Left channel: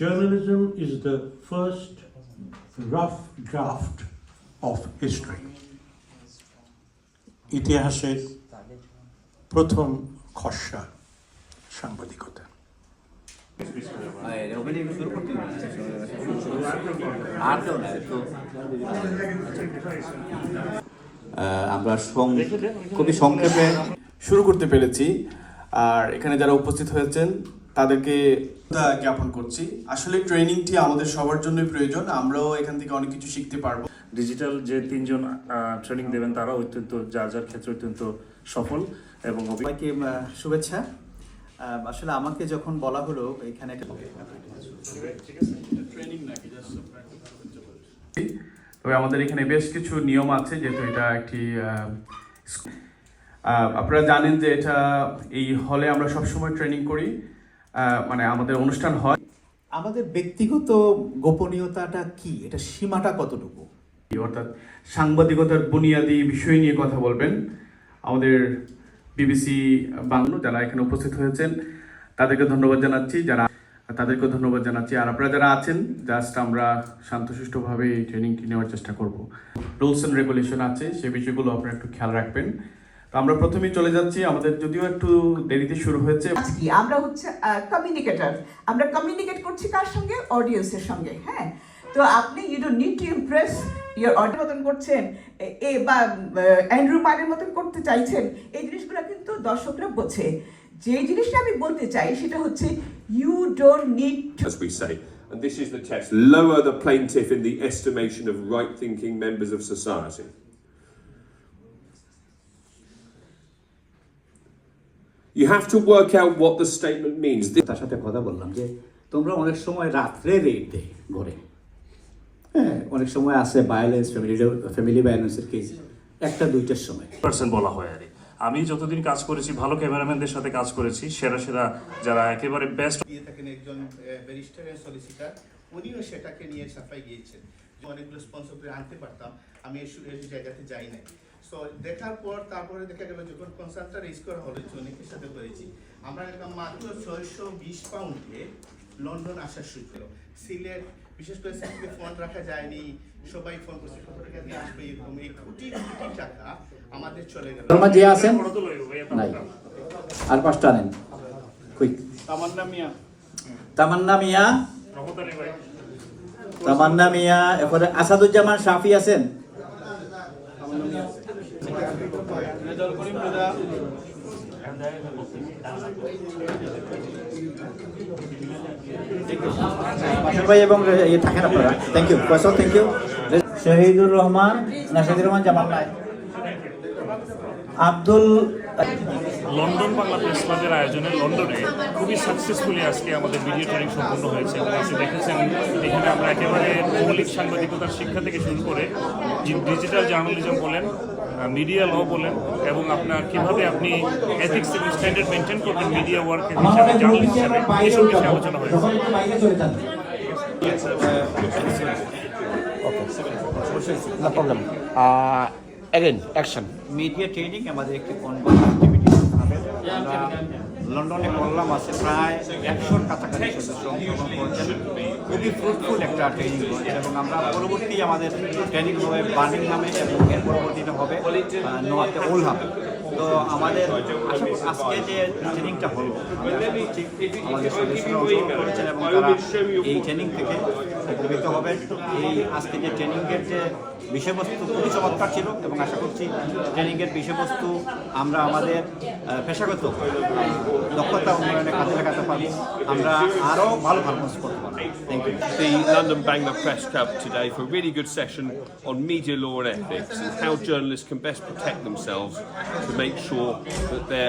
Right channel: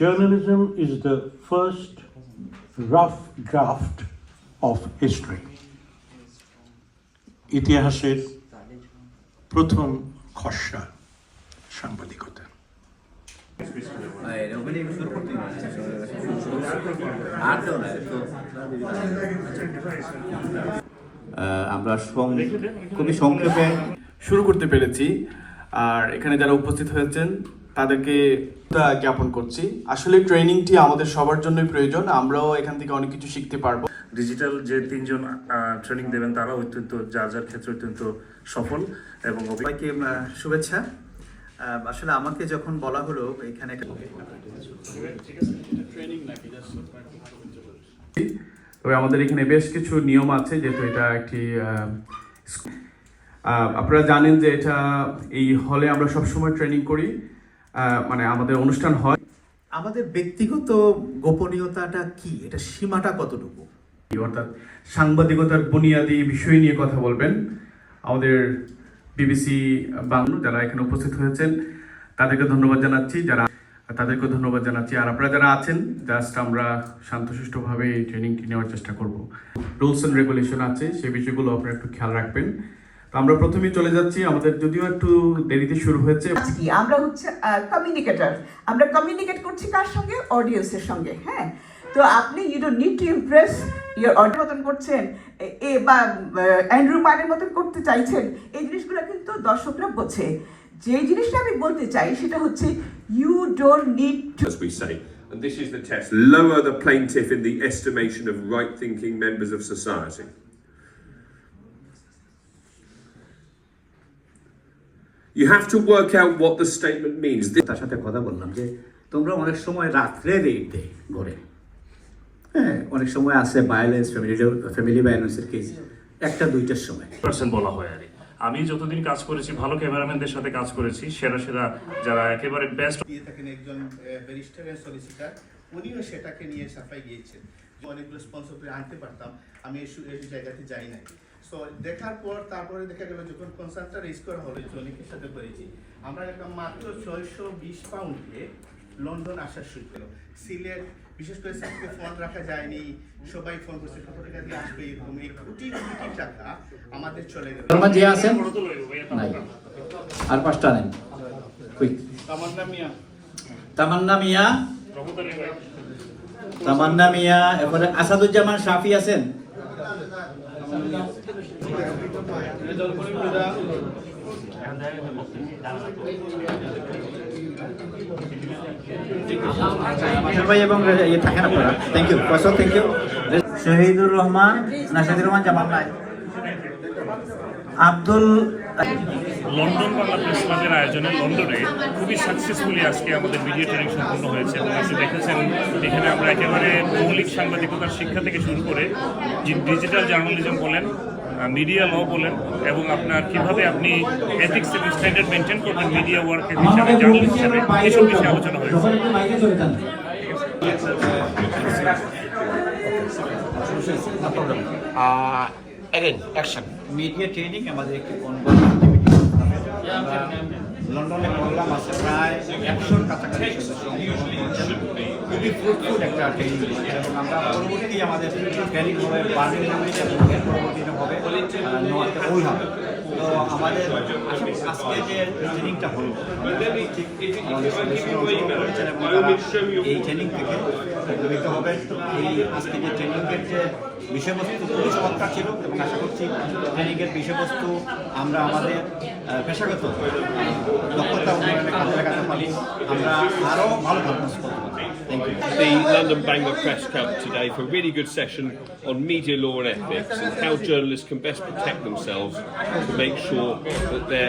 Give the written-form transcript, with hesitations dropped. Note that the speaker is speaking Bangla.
Journalism is the first rough draft of history. ইতিহাসের প্রথম খসড়া সাংবাদিকতা। আমরা খুবই সংক্ষেপে শুরু করতে পেরেছি, আর এখানে যারা উপস্থিত হয়েছেন তাদেরকে জ্ঞাপন করছি। আসলে ট্রেনিংটি আমাদের সবার জন্যই প্রয়োজন, আমরাও এখান থেকে অনেক কিছু শিখতে পারবো। ডিজিটাল যে তিনজন ট্রেনিং দেবেন তারা অত্যন্ত যার যার ক্ষেত্রে অত্যন্ত সফল এবং সবাইকে শুভেচ্ছা। আসলে আমাকে যখন বলা হলো এখানে তবে আমাদের এখানে বেশ কিছু নিয়ম আছে, যেহেতু এটা একটি আপনারা জানেন যে এটা এই হলে আমরা সবসময় ট্রেনিং করি, মানে আমাদের অনুষ্ঠান হয়। আমাদের ব্যক্তিগত গোপনীয়তাটা কি, এটা সীমাটা কতটুকু, অর্থাৎ সাংবাদিকতার বুনিয়াদী বিষয় নিয়ে কথা বলবেন আমাদের বিবিসি বাংলা যারা এখানে উপস্থিত হয়েছেন তাদেরকে ধন্যবাদ জানাচ্ছি, আর আপনারা যারা আছেন জাস্ট আমরা শান্তশিষ্টভাবে এই ট্রেনিংটি নেওয়ার চেষ্টা করব। রুলস অ্যান্ড রেগুলেশন আছে, সেই বিষয়গুলো আপনারা একটু খেয়াল রাখবেন। তো আমরা প্রথমেই চলে যাচ্ছি, আমাদের যদিও একটু দেরিতে শুরু হয়েছে। আমরা হচ্ছে কমিউনিকেটর, আমরা কমিউনিকেট করছি কার সঙ্গে? অডিয়েন্সের সঙ্গে। হ্যাঁ, তো আপনি you don't need to impress your audience মতন করছেন বা অ্যান্ড্রু পারের মতন করতে চাইছেন, এই জিনিসগুলো কিন্তু দর্শকরা বোঝে। যে জিনিসটা আমি বলতে চাই সেটা হচ্ছে you don't need to, as we say, and this is the test, lower the plaintiff in the estimation of right-thinking members of society. You have to work out what the statement means. তার সাথে কথা বললাম যে তোমরা অনেক সময় রাত্রে রেড দেয় ঘরে, হ্যাঁ, অনেক সময় আছে ভায়োলেন্স, ফ্যামিলি ভায়োলেন্সের কেস 1-2টার সময় পার্সেন্ট বলা হয়। আর আমি যতদিন কাজ করেছি ভালো ক্যামেরাম্যানদের সাথে কাজ করেছি, সেরা যারা একেবারে বেস্ট দিয়ে থাকেন একজন ব্যারিস্টার এন্ড সলিসিটার, উনিও সেটাকে নিয়ে সাফাই গিয়েছেন। অনেকগুলো স্পন্সর করে আনতে পারতাম, আমি এই জায়গাতে যাই নাই। সো দেখার পর তারপরে দেখা গেল যখন কনসার্নটা রেজ করা হলো, অনেকের সাথে করেছি, আমরা দেখলাম মাত্র 620 পাউন্ডে লন্ডন আসার শুরু করলো। সিলেট বিশেষ করে সেখানে ফোন রাখা যায়নি, সবাই ফোন করছে কত টাকা দিয়ে আসবে, এরকম এই কোটি কোটি টাকা আমাদের চলে গেল। আর 5টা নেন। তামান্না মিয়া, এরপরে আসাদুজ্জামান শাফি আছেন। ভাই এবং থাকেন আপনারা, থ্যাংক ইউ কসম, থ্যাংক ইউ। শহীদুর রহমান জামাল নাই, আব্দুল। লন্ডন বাংলা প্রেস ক্লাবের আয়োজনে লন্ডনে খুবই সাকসেসফুলি আজকে আমাদের ভিডিও ট্রেনিং সম্পূর্ণ হয়েছে এবং আপনি দেখেছেন এখানে আমরা একেবারে মৌলিক সাংবাদিকতার শিক্ষা থেকে শুরু করে ডিজিটাল জার্নালিজম বলেন, মিডিয়া ল বলেন, এবং আপনার কিভাবে আপনি এথিক্স এবং স্ট্যান্ডার্ড মেনটেন করবেন মিডিয়া ওয়ার্কের হিসাবে, জার্নালিস্ট হিসাবে, এইসব বিষয়ে আলোচনা হয়েছে। মিডিয়া ট্রেনিং আমাদের একটি অনগোয়িং অ্যাক্টিভিটি। আমরা লন্ডনে করলাম, আছে প্রায় 100-র কাছাকাছি সদস্য অংশগ্রহণ করেছেন। খুবই ফ্রুটফুল একটা ট্রেনিং হয়েছে এবং আমরা পরবর্তী আমাদের ট্রেনিং হবে বার্মিংহামে এবং এর পরবর্তীতে হবে নর্থ ওলহামে। তো আমাদের আজকে যে ট্রেনিংটা হলো, আমাদের সদস্যরা অংশগ্রহণ করেছেন এবং তারা এই ট্রেনিং থেকে উপকৃত হবেন। এই আজকে যে ট্রেনিংয়ের যে বিষয়বস্তু খুবই চমৎকার ছিল এবং আশা করছি ট্রেনিংয়ের বিষয়বস্তু আমরা আমাদের পেশাগত দক্ষতা উন্নয়নে কাজে লাগাতে পারবো, আমরা আরও ভালো পারফরমেন্স করতে পারবো। Thank you. The London Bangla Press Club today for a really good session on media law and ethics and how journalists can best protect themselves to make sure that they're